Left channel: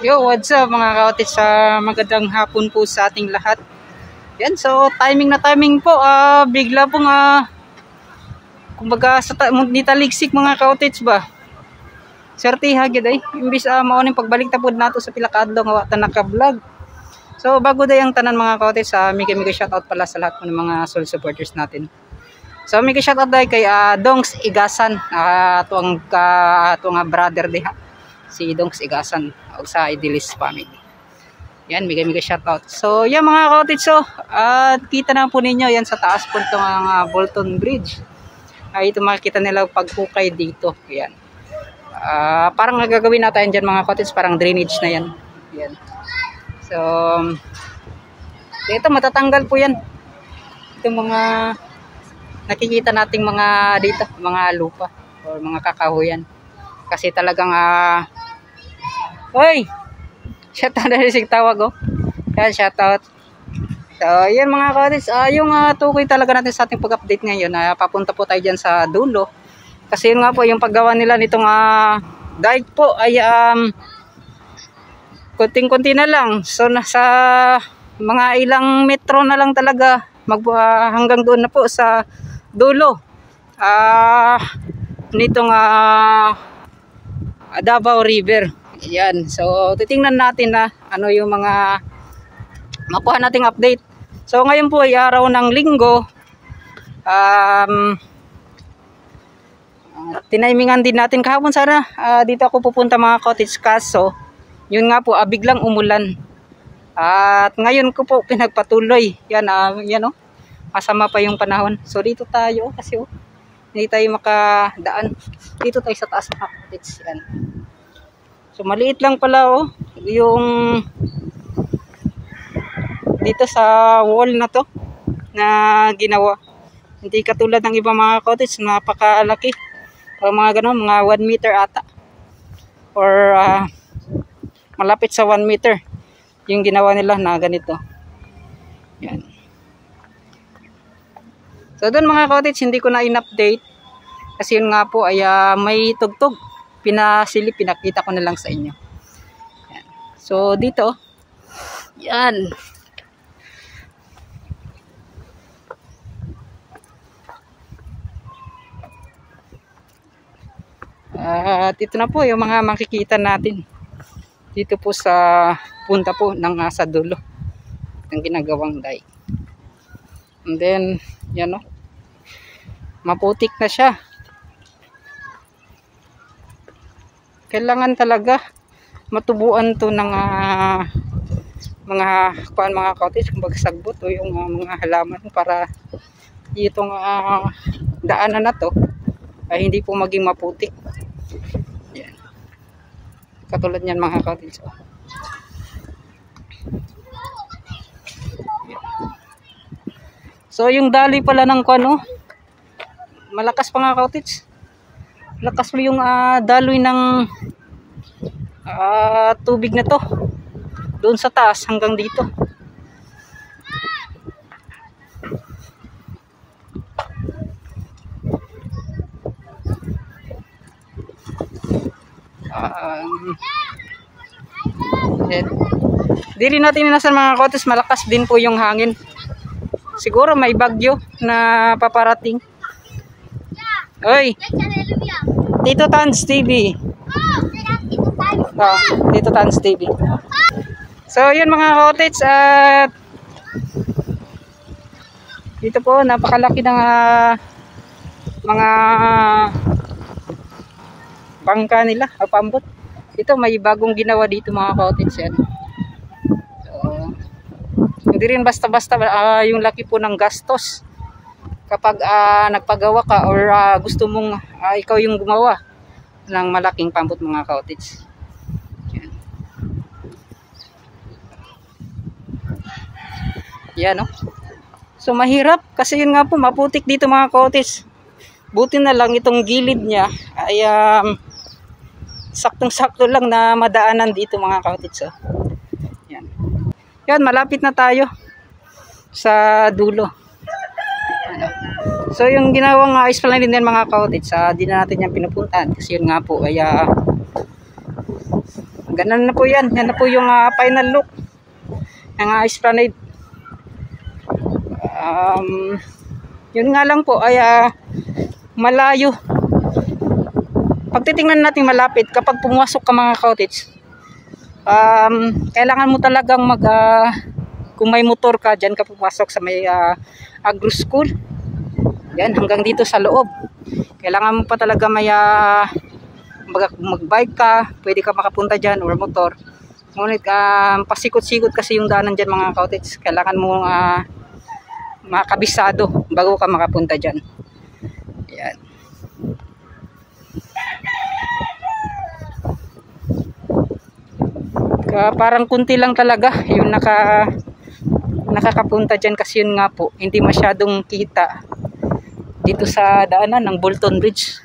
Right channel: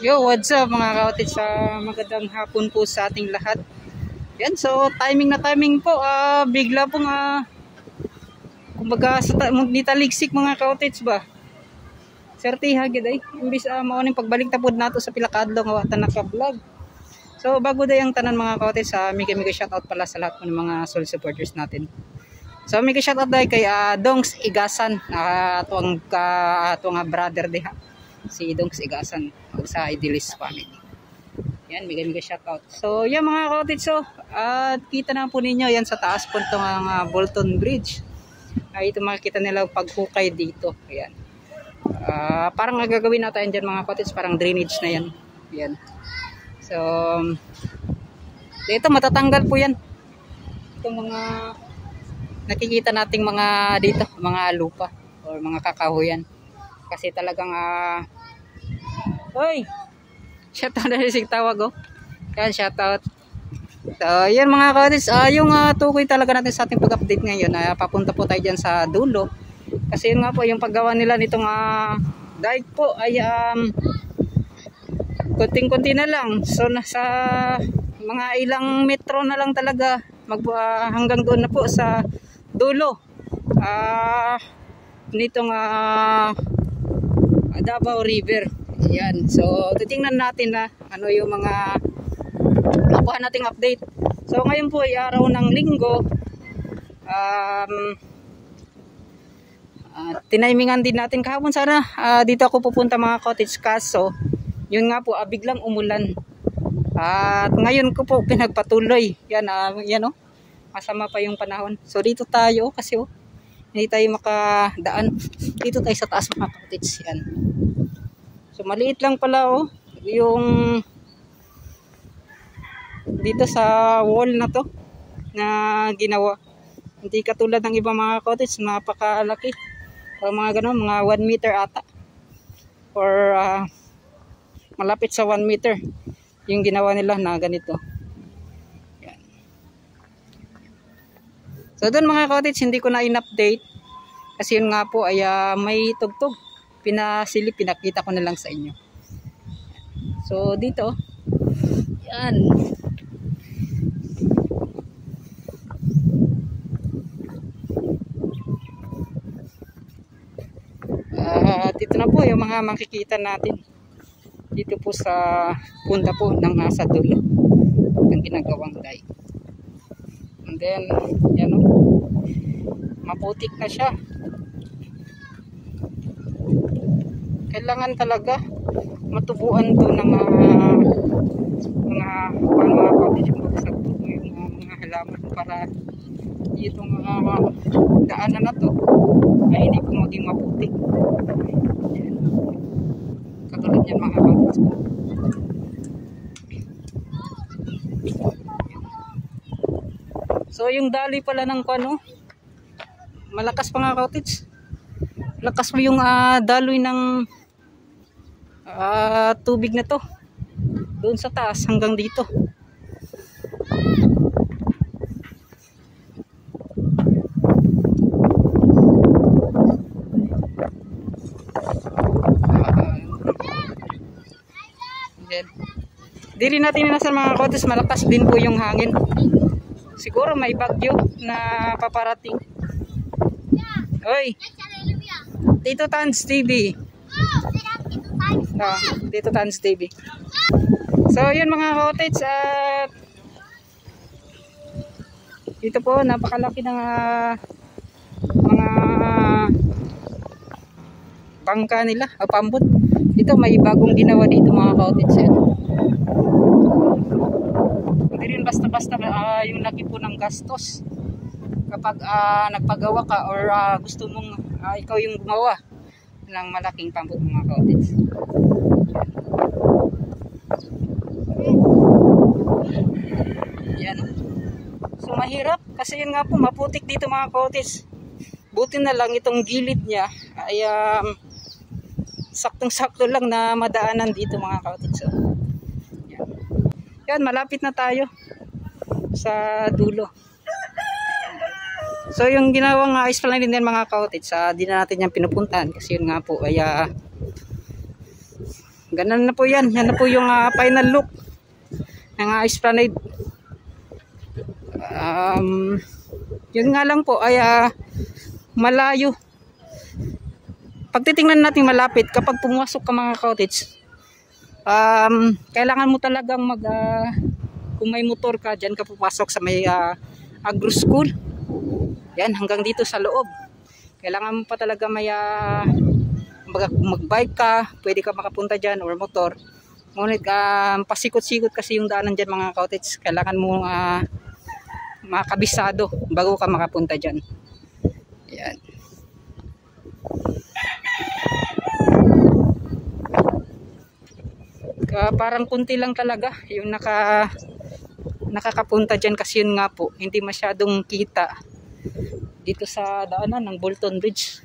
Yo, what's up mga kautis? Magandang hapon po sa ating lahat. Yan, so timing na timing po. Bigla pong kumbaga sa nitaligsik mga kautis ba. Swerte hagid ay imbis mao ning pagbalik tapod nato sa pilakadlo nga wata naka-vlog. So bago day ang tanan mga kautis, mega shoutout pala sa lahat ng mga soul supporters natin. So mega shoutout day kay Dongs Igasan, tuang brother diha. Si Dongs Igasan o sa Idilis family. Yan, mega shoutout. So yan mga kautis, so kita na po ninyo yan sa taas po itong Bolton Bridge. Ito makikita nila paghukay dito. Yan. Parang gagawin natin dyan mga kautis, parang drainage na yan. Yan. So ito matatanggal po yan. Itong mga nakikita nating mga dito, mga lupa o mga kakahuyan. Kasi talagang Hoy! Shoutout na rin si tawag Yan, shoutout. So, yan mga kautis, yung tukoy talaga natin sa ating pag-update ngayon. Papunta po tayo dyan sa dulo. Kasi yun nga po, yung paggawa nila nitong dike po ay kunting-kunti na lang. So, nasa mga ilang metro na lang talaga hanggang doon na po sa dulo. Nitong Davao River. Yan. So titingnan natin na ano yung mga makuha nating update. So ngayon po ay araw ng Linggo. Tinaimingan din natin kahapon sana dito ako pupunta mga kautis, kaso yun nga po biglang umulan. At ngayon ko po pinagpatuloy. Yan yan masama pa yung panahon. So dito tayo kasi hindi tayo makadaan. Dito tayo sa taas mga kautis. Yan. So maliit lang pala yung dito sa wall na to na ginawa. Hindi katulad ng iba mga kautis, napakalaki. O mga ganun, mga 1 meter ata. Or malapit sa 1 meter yung ginawa nila na ganito. Yan. So doon mga kautis, hindi ko na in-update kasi yun nga po ay may tugtog. Pinakita ko na lang sa inyo. Yan. So dito, yan. Dito na po yung mga makikita natin. Dito po sa punta po ng sa dulo ng ginagawang dike. And then, yan maputik na siya. Kailangan talaga matubuan to ng mga kautis, kumbaga sagbot o yung mga halaman para itong daanan na to ay hindi po maging maputik. Yan. Katulad yan mga kautis. So yung dali pala ng malakas pa nga kautis. Lakas mo yung daloy ng tubig na to doon sa taas hanggang dito. Di rin natin minasan mga kautis, malakas din po yung hangin. Siguro may bagyo na paparating. Oy, Tito Tans TV. Tito Tans TV. So yun mga kautis, at dito po napakalaki ng mga bangka nila o pambot. Ito may bagong ginawa dito mga kautis. Hindi rin basta-basta yung laki po ng gastos kapag nagpagawa ka or gusto mong ikaw yung gumawa ng malaking pambot mga kautis. Yan So mahirap kasi yun nga po, maputik dito mga kautis. Buti na lang itong gilid niya ay saktong-sakto lang na madaanan dito mga kautis. Yan, malapit na tayo sa dulo. So yung ginawang esplanade din mga kautis, di na natin yan pinupuntahan kasi yun nga po ay Ganun na po yan. Yan na po yung final look ng Esplanade. Yun nga lang po ay malayo. Pag titingnan natin malapit, kapag pumasok ka mga cottage, kailangan mo talagang kung may motor ka, dyan ka pumasok sa may agro school. Yan, hanggang dito sa loob. Kailangan mo pa talaga may mag-bike ka, pwede ka makapunta dyan or motor. Ngunit pasikot-sikot kasi yung daanan dyan mga cottage. Kailangan mo makabisado bago ka makapunta dyan. Yan. Parang kunti lang talaga yung nakakapunta dyan kasi yun nga po, hindi masyadong kita dito sa daanan ng Bolton Bridge.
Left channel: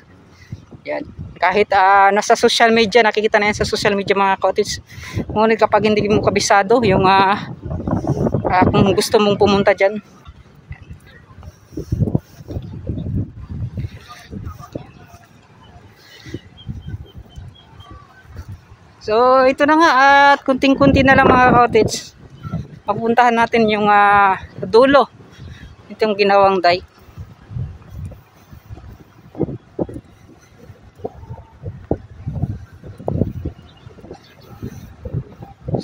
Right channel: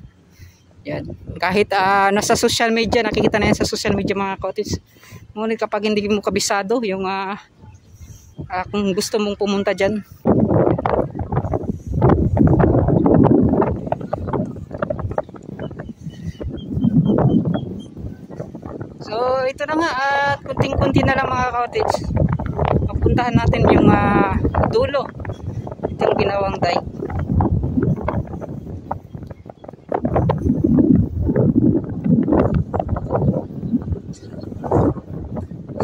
Yan. Kahit nasa social media, nakikita na yan sa social media mga cottage. Ngunit kapag hindi mo kabisado yung kung gusto mong pumunta dyan. So ito na nga, at kunting-kunti na lang mga cottage. Papuntahan natin yung dulo. Ito yung ginawang dike.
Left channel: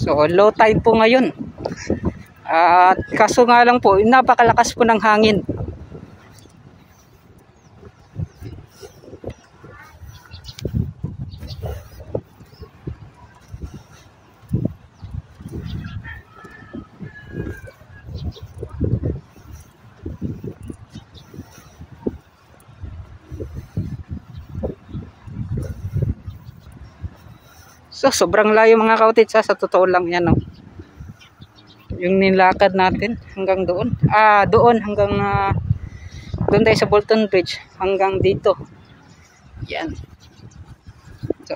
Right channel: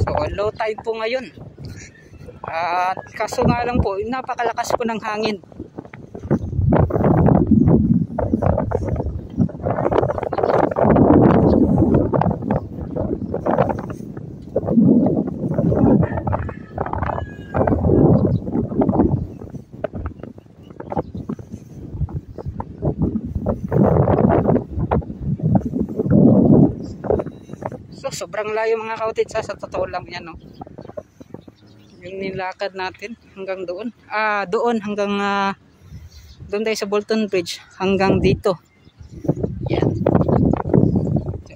So low tide po ngayon. At kaso nga lang po, napakalakas po ng hangin. So sobrang layo mga cottage sa totoo lang yan, no? Yung nilakad natin hanggang doon. Doon hanggang doon tayo sa Bolton Bridge hanggang dito. Yan. So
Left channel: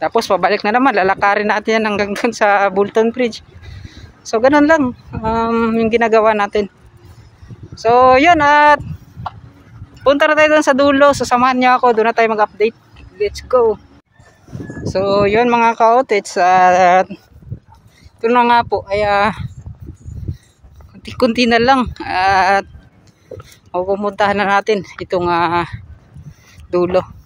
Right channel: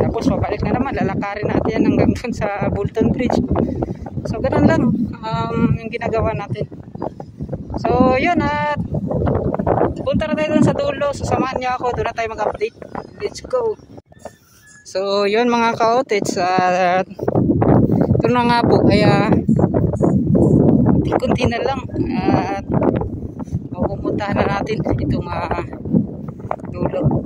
tapos pabalik na naman, lalakarin natin yan hanggang doon sa Bolton Bridge. So ganun lang yung ginagawa natin. So yun, at punta na tayo doon sa dulo. Sasamahan niyo ako, doon na tayo mag-update. Let's go. So yun mga ka-cottage, ito na nga po, kaya kunti na lang at pupuntahan na natin itong dulo.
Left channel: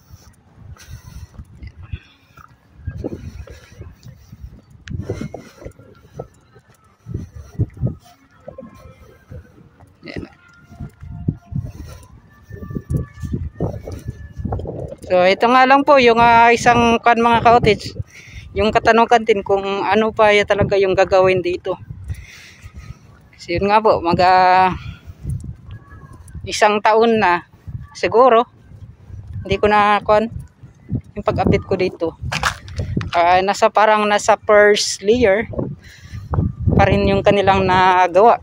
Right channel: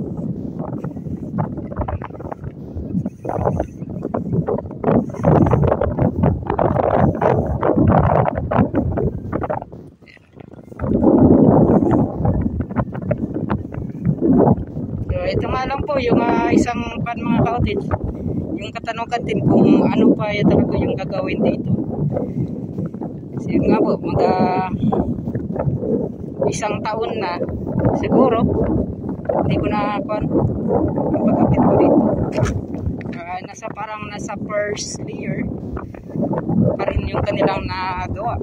So ito nga lang po yung isang mga cottage, yung katanungan din kung ano pa talaga yung gagawin dito. Kasi yun nga po, isang taon na siguro hindi ko na yung pag-update ko dito. Nasa first layer pa rin yung kanilang nagawa.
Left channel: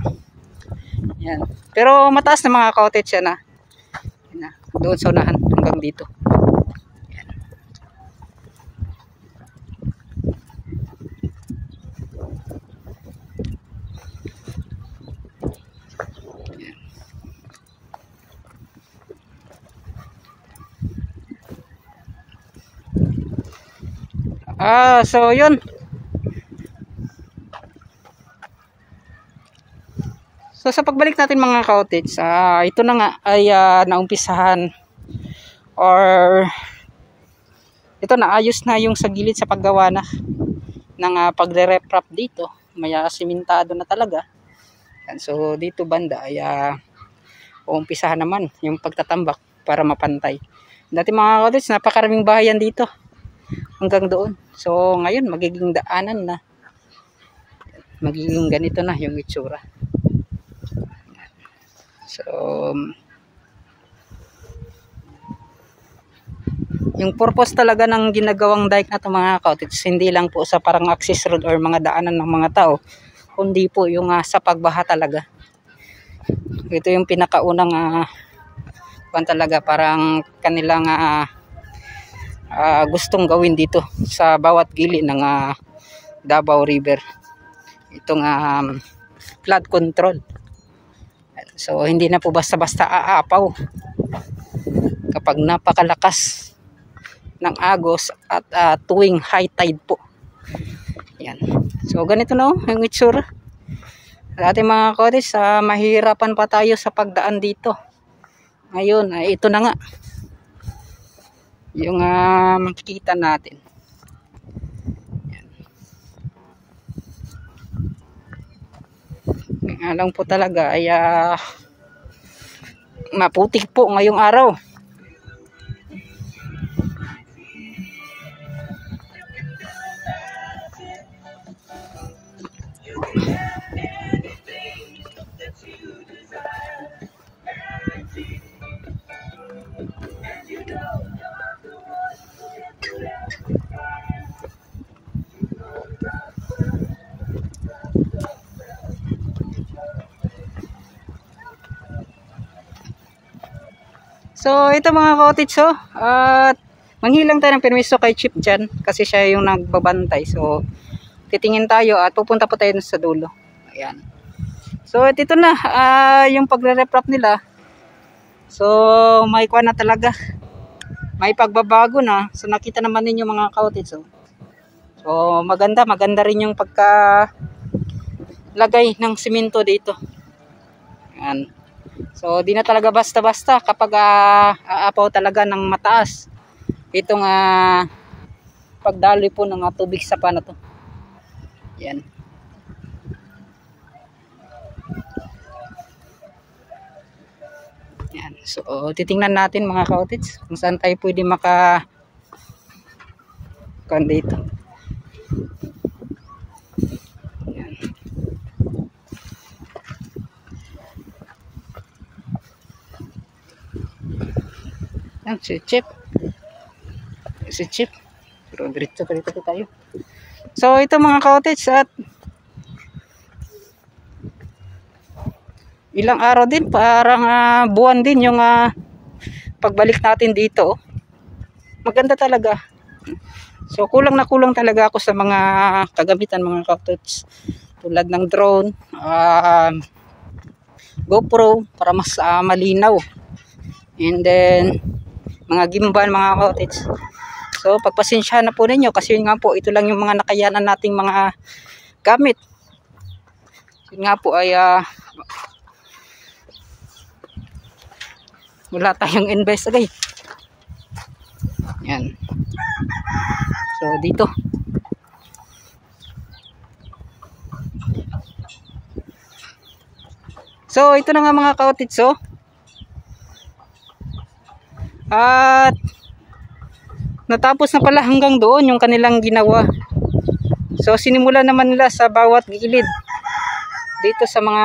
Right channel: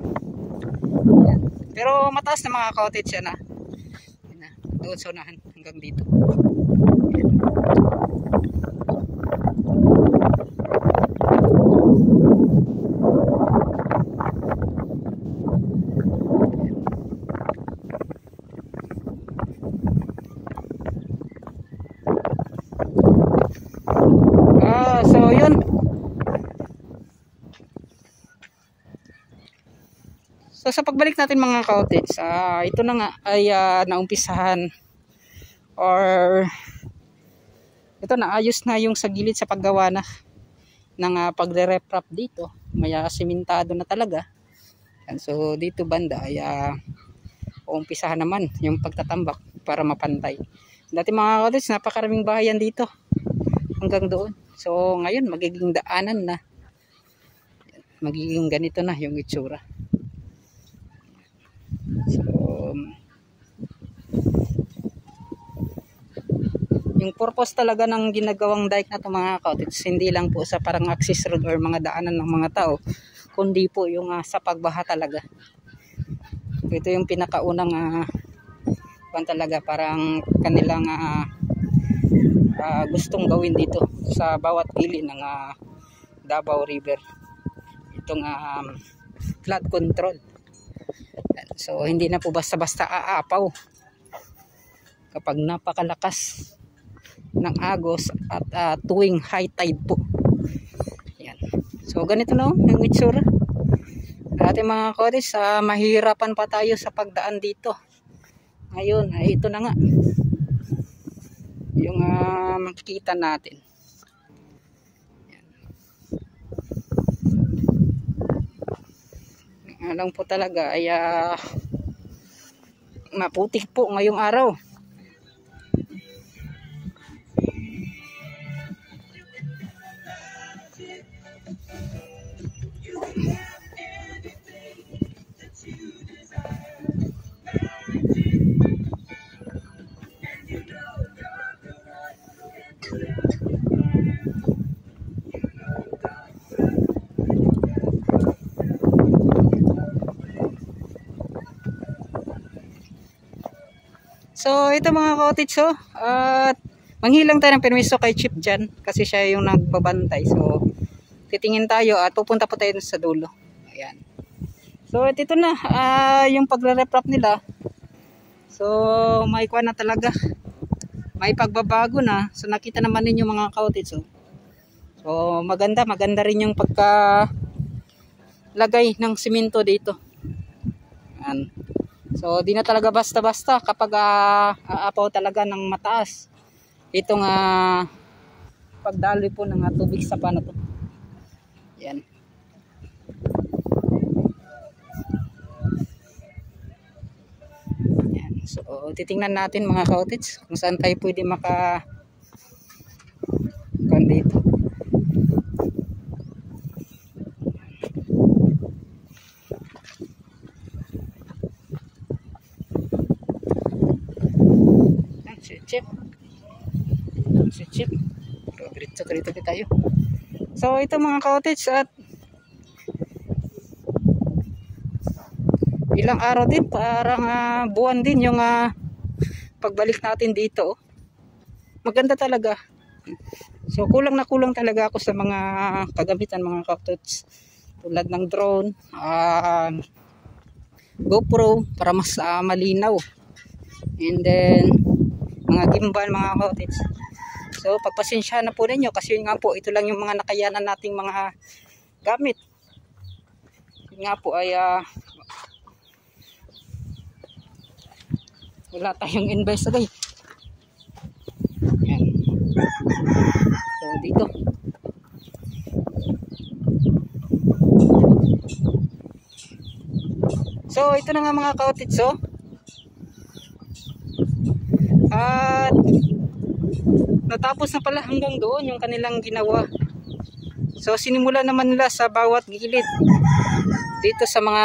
Yan. Pero mataas na mga cottage yan doon sa unahan hanggang dito. Yan. So yun. So sa pagbalik natin mga cottage, ito na nga ay naumpisahan or ito na ayos na yung sa gilid sa paggawa na ng pagre-reprap dito. May simentado na talaga. And so dito banda ay uumpisahan naman yung pagtatambak para mapantay. Dati mga cottage, napakaraming bahayan dito hanggang doon. So ngayon magiging daanan na. Magiging ganito na yung itsura. So yung purpose talaga ng ginagawang dike na ito mga cottage, hindi lang po sa parang access road or mga daanan ng mga tao, kundi po yung sa pagbaha talaga. Ito yung pinakaunang talaga parang kanilang gustong gawin dito sa bawat gilid ng Davao River, itong flood control. So hindi na po basta-basta aapaw kapag napakalakas ng agos at tuwing high tide po. Yan. So ganito na yung itsura sa ating mga cottage. Mahihirapan pa tayo sa pagdaan dito. Ngayon ay ito na nga yung makikita natin. Yan. Alam po talaga ay maputik po ngayong araw. So ito mga cottage, at manghilang tayo ng permiso kay Chief dyan kasi siya yung nagbabantay. So titingin tayo at pupunta po tayo sa dulo. Ayan. So ito na yung pagre-reprop nila. So may kuha na talaga, may pagbabago na. So nakita naman ninyo mga cottage. So maganda rin yung pagka lagay ng simento dito. Ayan. So di na talaga basta-basta kapag aapaw talaga ng mataas itong pagdaloy po ng tubig sa pana to. Yan. Yan. So titingnan natin mga cottage kung saan tayo pwede maka dito. Yan, si Chip. Pero diretso tayo. So ito mga cottage, at ilang araw din, parang buwan din yung pagbalik natin dito. Maganda talaga. So kulang talaga ako sa mga kagamitan mga cottage, tulad ng drone, GoPro para mas malinaw, and then mga gimbal mga cottage. So pagpasensya na po ninyo kasi nga po ito lang yung mga nakayanan nating mga gamit. Yun nga po ay wala tayong invest agay. Yan. So dito. So ito na nga mga cottage. At natapos na pala hanggang doon yung kanilang ginawa. So sinimula naman nila sa bawat gilid dito sa mga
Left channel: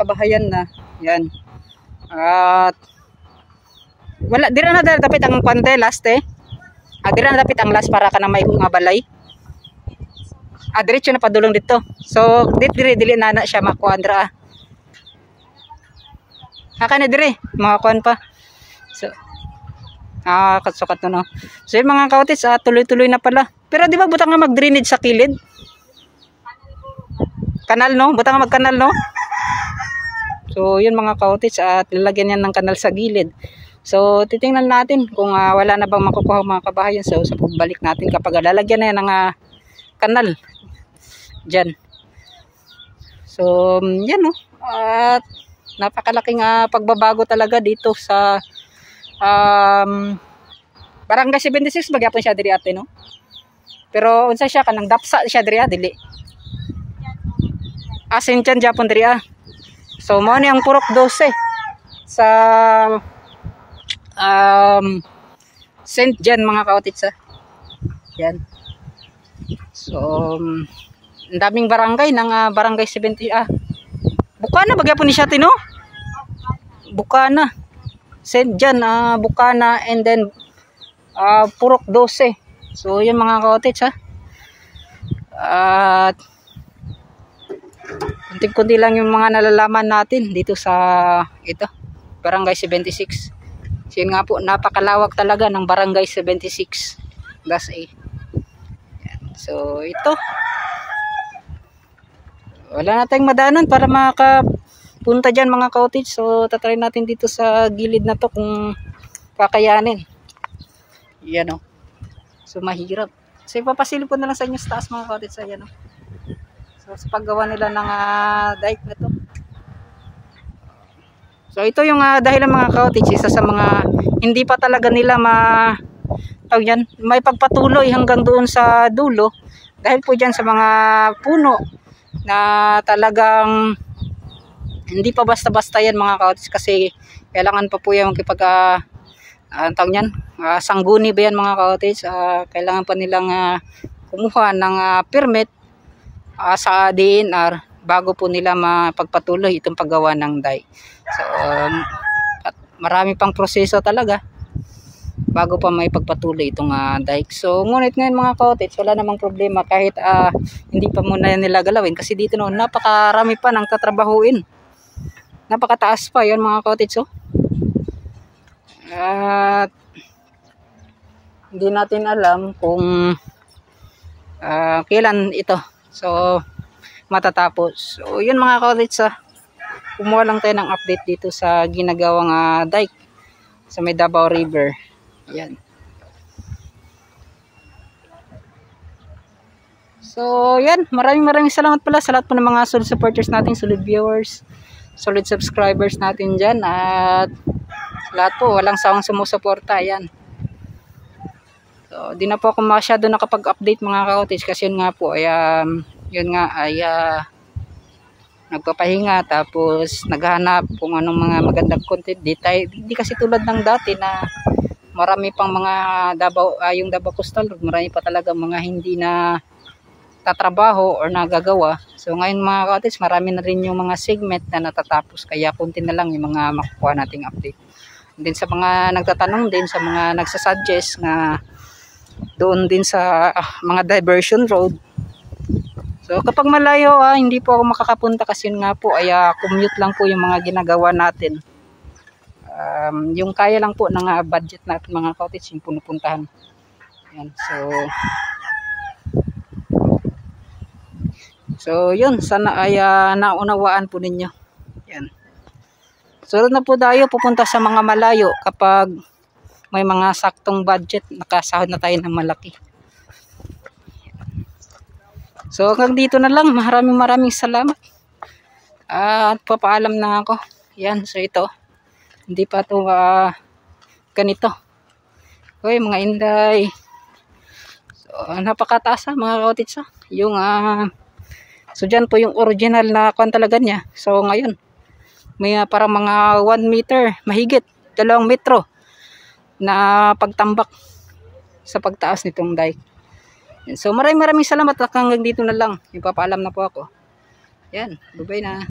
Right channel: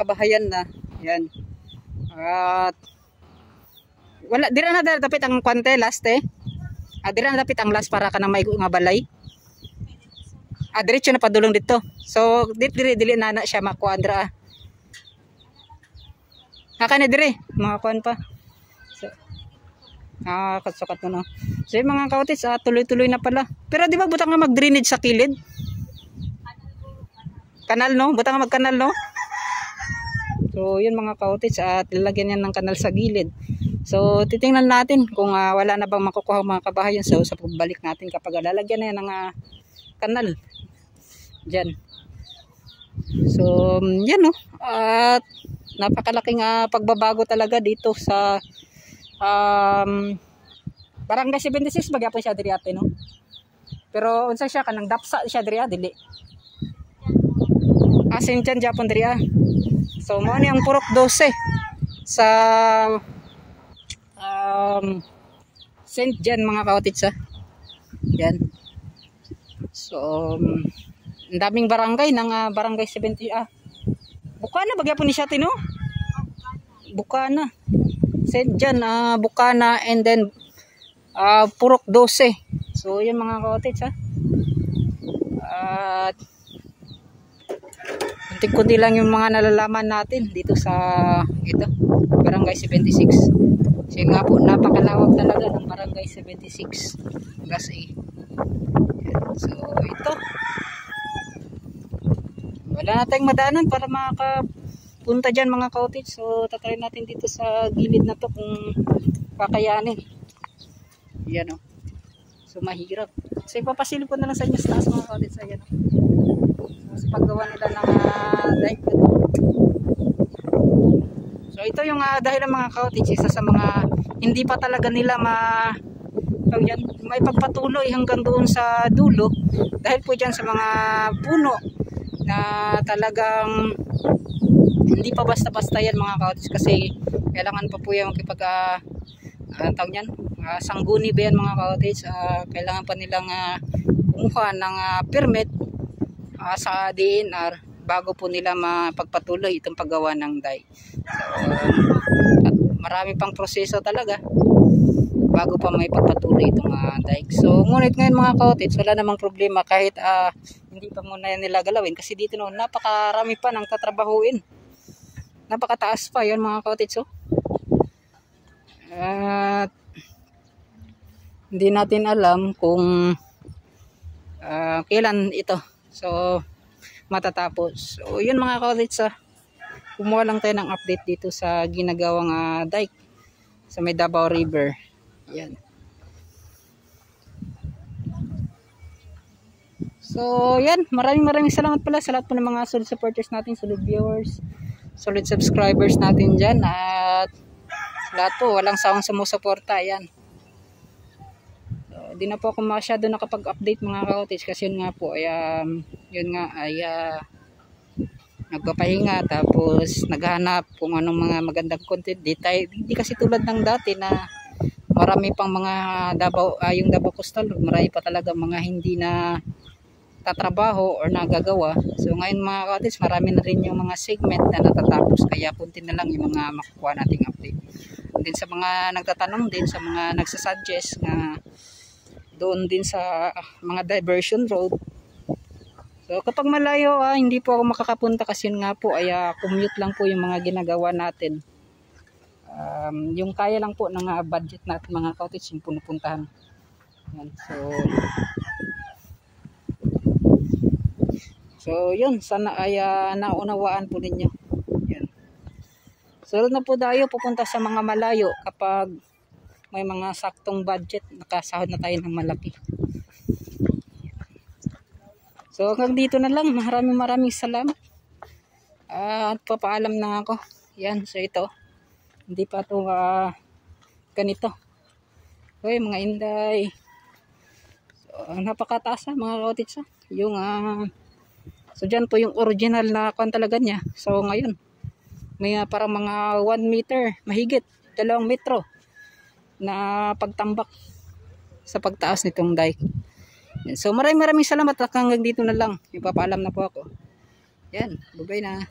kabahayan na yan. At wala, dira na dapat ang kwante last dira na dapat ang last para ka na may mga balay. Diretso na padulong dito. So dili na siya makuandra. Naka na dire mga kuan pa. So katsukat no. So yung mga cottage tuloy-tuloy na pala. Pero di ba butang nga mag-drainage sa kilid? Kanal no? Butang nga mag-kanal no? So yun mga cottage, lalagyan yan ng kanal sa gilid. So titingnan natin kung wala na bang makukuha mga kabahayan sa pagbalik natin kapag lalagyan na yan ng kanal dyan. So yan no. At napakalaking pagbabago talaga dito sa Barangay 76 magyapon siya diri ate no. Pero unsa siya kanang dapsa siya diri dili. Sinjan japon diri So mo ni ang purok 12 sa Saint John mga cottage Yan. So ang daming barangay ng barangay 70 Bukana magyapon ni siya tino. Bukana. Saint John, Bukana, and then Purok 12. So yun mga cottage at kunti lang yung mga nalalaman natin dito sa Barangay 76. So yun nga po, napakalawak talaga ng Barangay 76 Class A. So ito, wala na tayong madaanan para makapunta dyan mga cottage. So tatry natin dito sa gilid na to kung kakayanin. Yan o. So mahirap. So ipapasilip ko na lang sa inyo sa taas mga ka-outits. Ayan o. So sa paggawa nila ng dike na to. So ito yung dahilan mga ka-outits, isa sa mga hindi pa talaga nila may pagpatuloy hanggang doon sa dulo dahil po dyan sa mga puno na talagang hindi pa basta-basta yan mga ka-outits, kasi kailangan pa po yung sangguni ba yan mga ka-outits, kailangan pa nilang kumuha ng permit sa DNR bago po nila mapagpatuloy itong paggawa ng dike. So, at marami pang proseso talaga bago pa may pagpatuloy itong dike. So ngunit ngayon mga ka-outits, wala namang problema kahit hindi pa muna nila galawin, kasi dito noon napakarami pa ng tatrabahuin, napakataas pa yan mga ka-outits. So hindi natin alam kung kailan ito matatapos. So yun mga ka-outits, kumuha lang tayo ng update dito sa ginagawang dike sa may Davao River. Yan. So yan, maraming salamat pala sa lahat po ng mga solid supporters natin, solid viewers, solid subscribers natin dyan, at lahat po walang sawang sumusuporta. Yan. So di na po ako masyado nakapag-update mga ka-outits, kasi yun nga po ay nagpapahinga, tapos naghahanap kung anong mga magandang content. Di kasi tulad ng dati na marami pang mga yung Davao Coastal Road, marami pa talaga mga hindi na tatrabaho or nagagawa. So ngayon mga ka-outits, marami na rin yung mga segment na natatapos, kaya konti na lang yung mga makukuha nating update. And then sa mga nagtatanong din, sa mga nagsasuggest na doon din sa mga diversion road, so kapag malayo hindi po ako makakapunta, kasi nga po ay commute lang po yung mga ginagawa natin. Yung kaya lang po ng budget natin mga ka-outits yung punupuntahan. Yan. So yun, sana ay naunawaan po ninyo. Yan. Sunod na po tayo pupunta sa mga malayo kapag may mga saktong budget, nakasahod na tayo ng malaki. So hanggang dito na lang, maraming salamat. At papaalam na ako. Yan, so ito. Hindi pa ito ganito. Okay mga inday. So napakataas mga ka-outits. Yung so dyan po yung original na talaga niya. So ngayon may parang mga 1 meter, mahigit 2 metro na pagtambak sa pagtaas nitong dike. So maraming salamat, hanggang dito na lang. Ipapaalam na po ako. Yan, bye-bye na.